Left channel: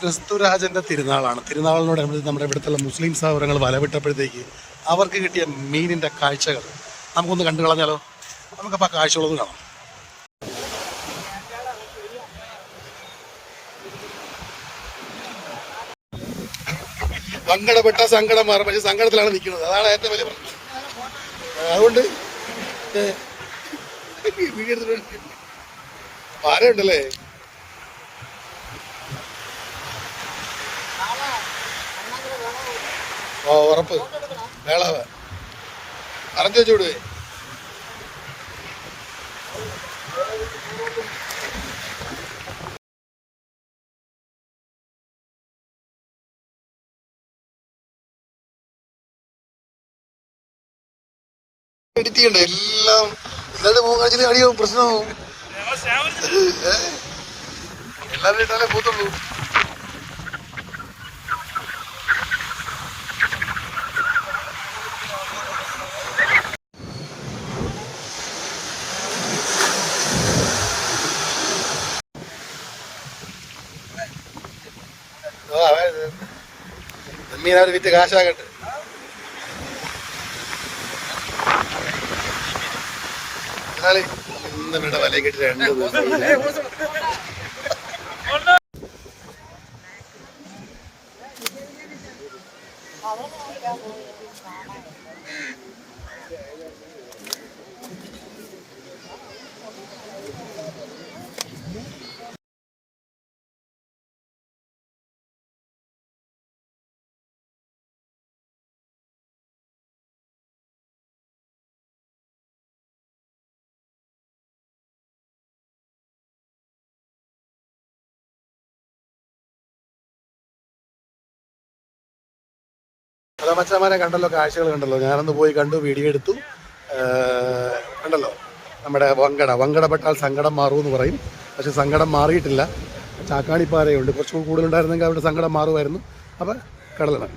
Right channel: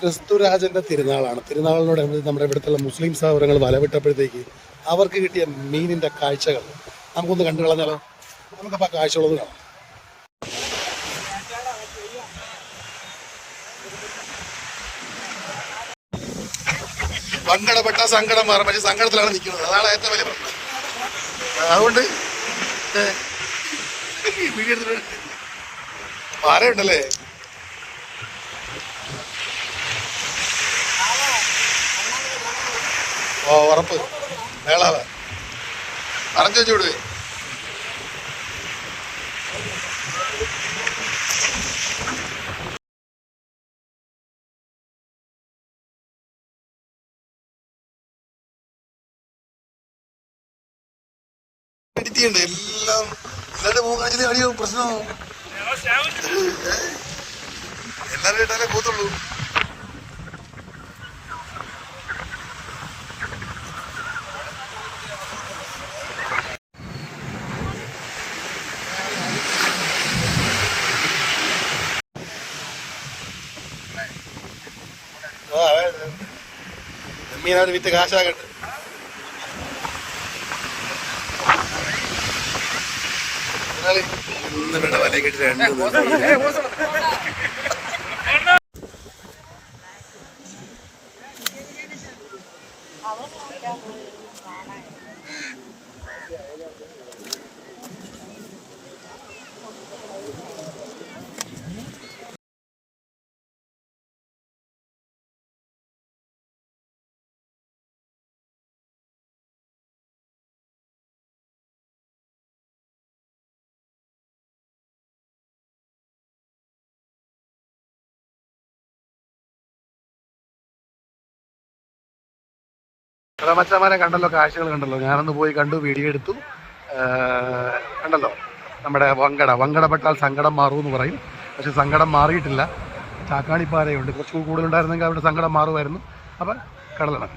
ക്രിസ്തുരാജന്റെ തിരുനാളാണ്. തിരുനാളിനോടനുബന്ധിച്ച് നമ്മുടെ ഇവിടുത്തെ മുസ്ലിം സഹോദരങ്ങൾ വലവിട്ടപ്പോഴത്തേക്ക് അവർക്ക് കിട്ടിയ മീനിന്റെ കാഴ്ചകൾ. നമുക്കൊന്ന് കണ്ടു കളഞ്ഞാലോ? നമുക്കപ്പോൾ ആ കാഴ്ചകളൊന്ന് കാണാം. സങ്കടപ്പെട്ട സങ്കടം മാറും. പക്ഷെ സങ്കടത്തിലാണ് നിൽക്കുന്നത്. അതാണ് ഏറ്റവും വലിയ പ്രശ്നം. അതുകൊണ്ട് വീഡിയോ എടുത്തിട്ട് ആരുണ്ടല്ലേ ഓ ഉറപ്പ്. മേളാവ. പറഞ്ഞു വെച്ചു വിടുവേ. എല്ലാം അടിയോ പ്രശ്നമാവും? എല്ലാവരും ഇട്ടാലേ പോത്തുള്ളൂ മീൻ അവർ വിറ്റ് കാശാകട്ടെ. ഇന്ന് ഇവരുടെ വലയിൽ കിട്ടി രണ്ട് ദിവസം ഹലോ മച്ചന്മാരെ കണ്ടല്ലോ കാഴ്ചകൾ കണ്ടല്ലോ. ഞാനൊന്ന് പോയി കണ്ടു വീഡിയോ എടുത്തു. കണ്ടല്ലോ? നമ്മുടെ വങ്കട. വങ്കടപ്പെട്ടാൽ സങ്കടം മാറുമെന്ന് പറയും. പക്ഷെ സങ്കടം മാറിയിട്ടില്ല. ചാക്കാണിപ്പാറയുണ്ട് കുറച്ചുകൂടി കൂടുതലുണ്ടായിരുന്നെങ്കിൽ അവിടെ സങ്കടം മാറുമായിരുന്നു. അപ്പം കടലാണ്.